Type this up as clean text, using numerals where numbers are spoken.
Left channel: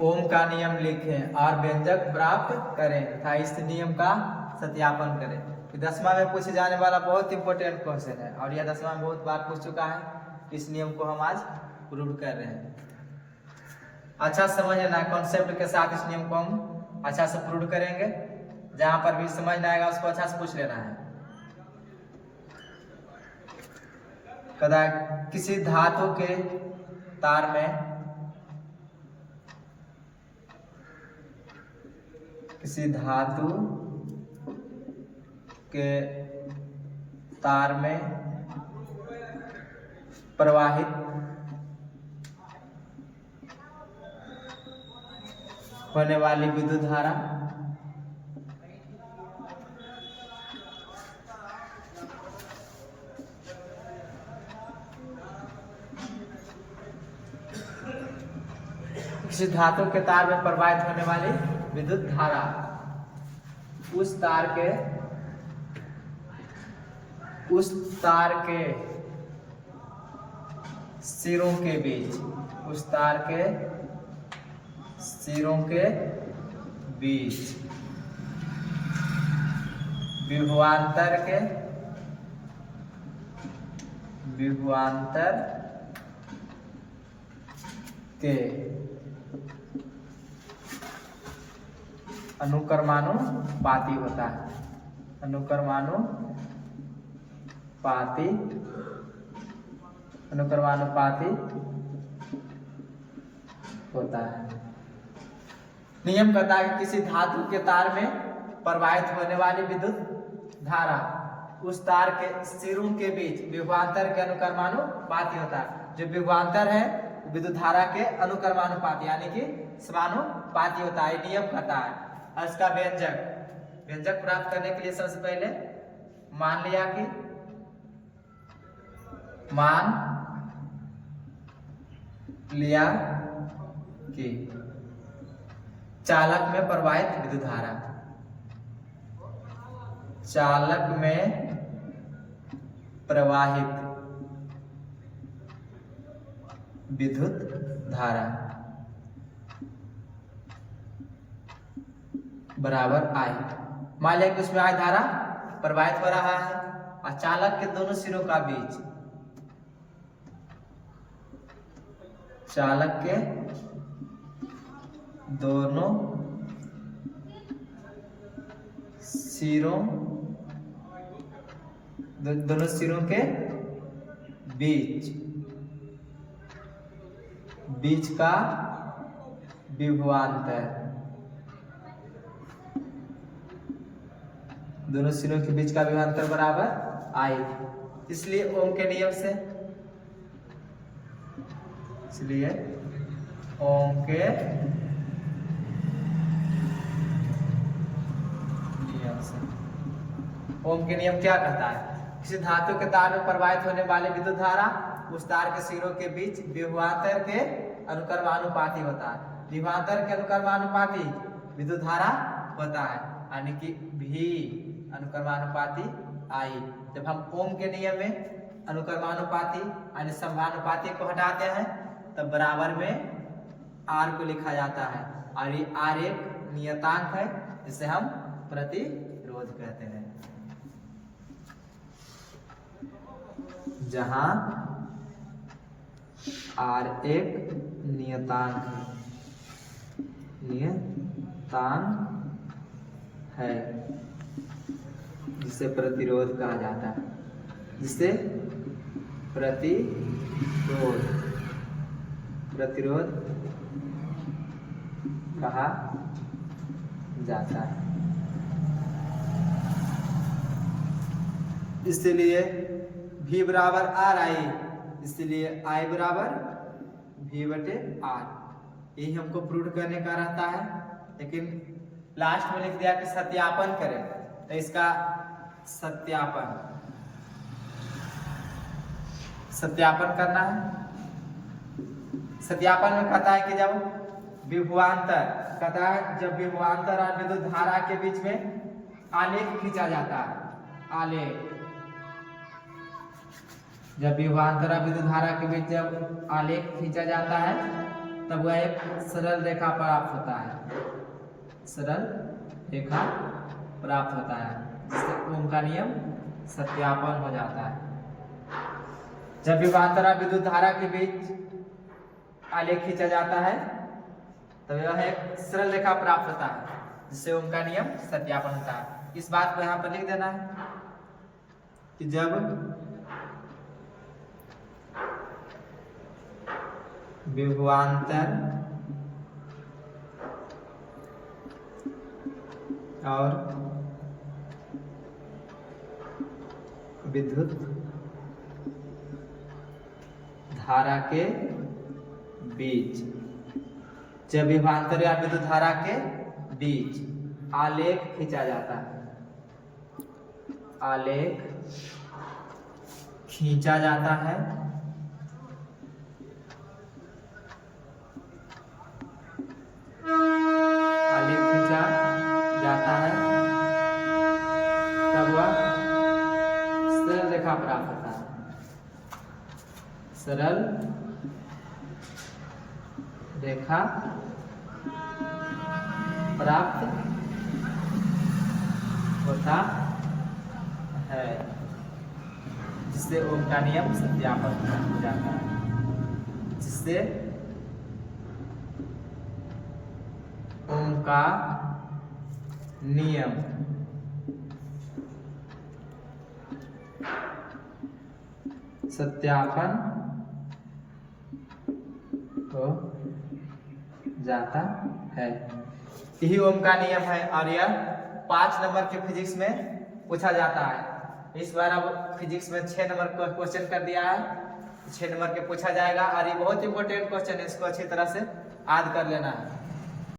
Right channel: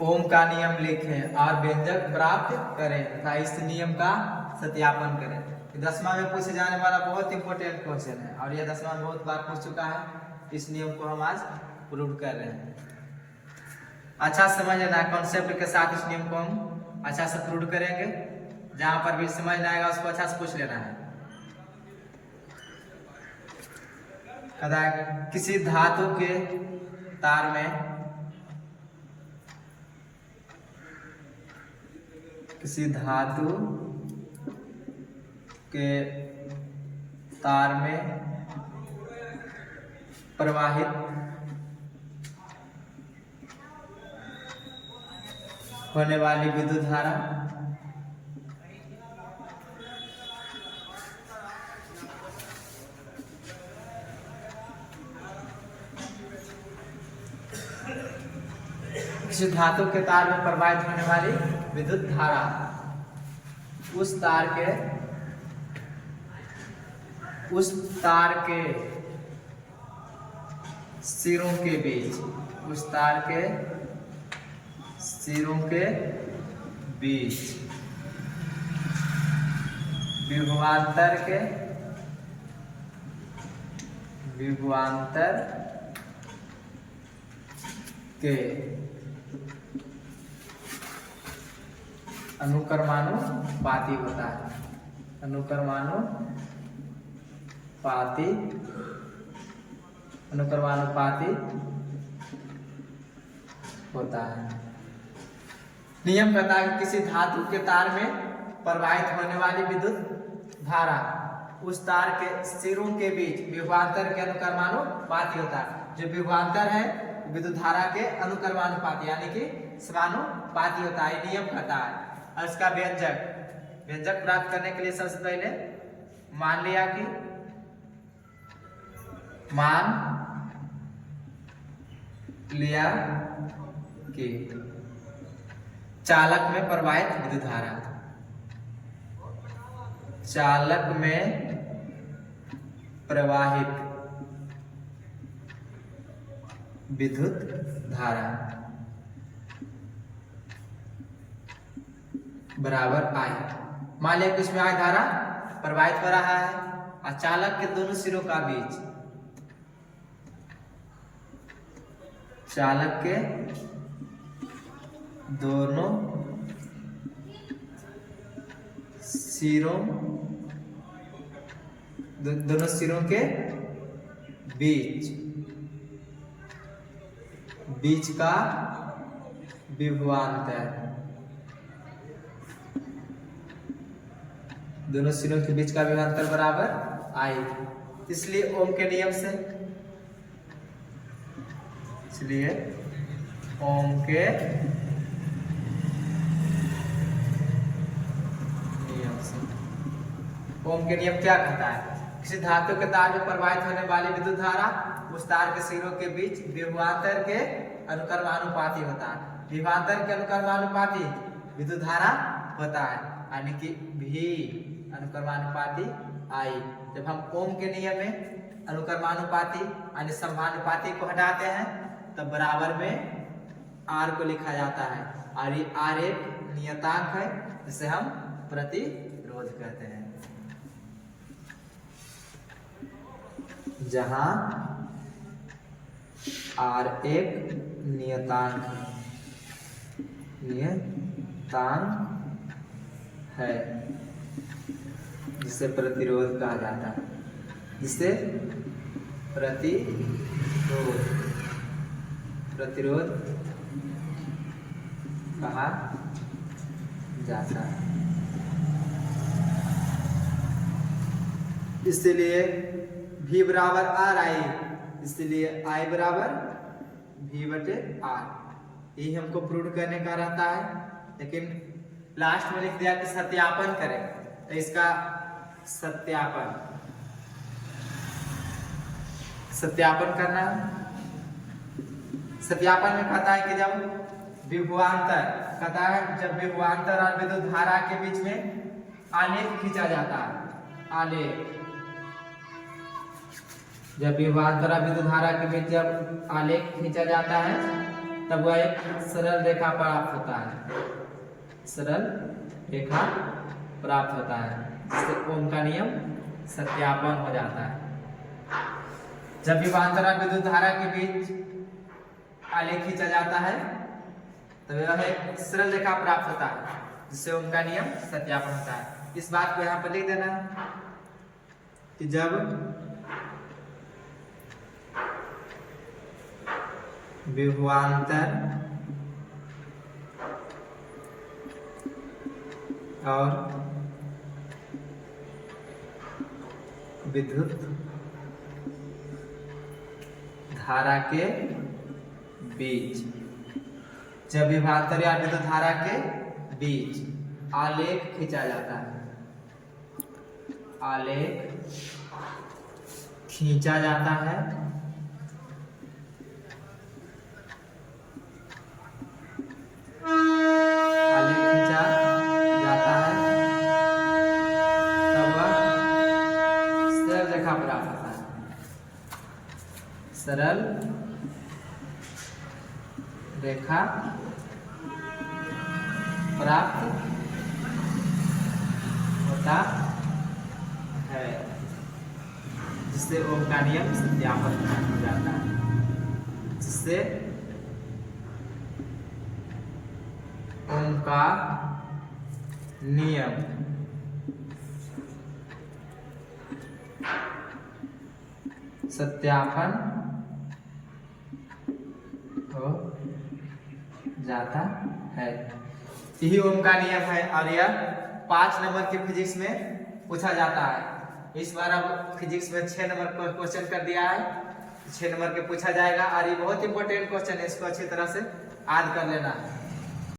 ओम का नियम लिखें और व्यंजक प्राप्त करें तथा इस नियम का सत्यापन करें। 10वां में पूछे जाने वाला बहुत इंपॉर्टेंट क्वेश्चन है और यह 10वां में बहुत बार पूछ चुका है। इस नियम को हम आज प्रूव कर रहे हैं। अच्छा समझ लेना, कॉन्सेप्ट के साथ इस नियम को हम अच्छा से प्रूव करेंगे। जहां पर भी समझ ना आएगा उसको अच्छा से पूछ लेना है। कहता है किसी धातु के तार में प्रवाहित होने वाली विद्युत धारा किसी धातु के तार में प्रवाहित होने वाली विद्युत धारा उस तार के सिरों के बीच विभवांतर के अनुक्रमानुपाती होता है। अनुक्रमानुपाती होता है। नियम कहता है कि किसी धातु के तार में प्रवाहित होने वाली विद्युत धारा उस तार के सिरों के बीच विभवांतर के अनुक्रमानुपाती होता है। जो विभवांतर है विद्युत धारा के अनुक्रमानुपाती यानी कि समानुपाती होता है। नियम कहता है। इसका व्यंजक प्राप्त करने के लिए सबसे पहले मान लिया कि चालक में प्रवाहित विद्युत धारा बराबर I। मान लिया कि उसमें I धारा प्रवाहित हो रहा है और चालक के दोनों सिरों का बीच दोनों सिरों के बीच का विभवांतर बराबर I। इसलिए ओम के नियम से ओम के नियम क्या कहता है? किसी धातु के तार में प्रवाहित होने वाली विद्युत धारा उस तार के सिरों के बीच विभवांतर के अनुक्रमानुपाती होता है। विभवांतर के अनुक्रमानुपाती विद्युत धारा होता है यानी कि V अनुक्रमानुपाती I। जब हम ओम के नियम में अनुक्रमानुपाती यानी समानुपाती को हटाते हैं तब बराबर में R को लिखा जाता है और ये R एक नियतांक है जिसे हम प्रतिरोध कहते हैं। जहां R एक नियतांक है जिसे प्रतिरोध कहा जाता है। प्रतिरोध कहा जाता है। इसलिए V बराबर R I, इसलिए I बराबर V/R। यही हमको प्रूव करने का रहता है। लेकिन लास्ट में लिख दिया कि सत्यापन करें, तो इसका सत्यापन करना है। सत्यापन में कहता है कि जब विभवांतर जब विभवांतर और विद्युत धारा के बीच में आलेख खींचा जाता है। जब विभवांतर और विद्युत धारा के बीच जब आलेख खींचा जाता है तब वह एक सरल रेखा प्राप्त होता है, सरल रेखा प्राप्त होता है, जिससे ओम का नियम सत्यापन हो जाता है। जब विभवांतर विद्युत धारा के बीच आलेख खींचा जाता है तो यह एक सरल रेखा प्राप्त होता है, जिससे ओम का नियम सत्यापन होता है। इस बात को यहाँ पर लिख देना है कि जब विभवांतर और विद्युत धारा के बीच, जब विभवांतर या विद्युत धारा के बीच आलेख खींचा जाता है, आलेख खींचा जाता है, आलेख खींचा जाता है, तब वह सरल रेखा प्राप्त होता है, सरल रेखा प्राप्त होता है, जिससे ओम का नियम सत्यापन हो जाता है, जिससे ओम का नियम सत्यापन हो जाता है। यही ओम का नियम है और यह 5 नंबर के फिजिक्स में पूछा जाता है। इस बार अब फिजिक्स में 6 नंबर का क्वेश्चन कर दिया है, 6 नंबर के पूछा जाएगा और ये बहुत इंपॉर्टेंट क्वेश्चन है, इसको अच्छी तरह से याद कर लेना है।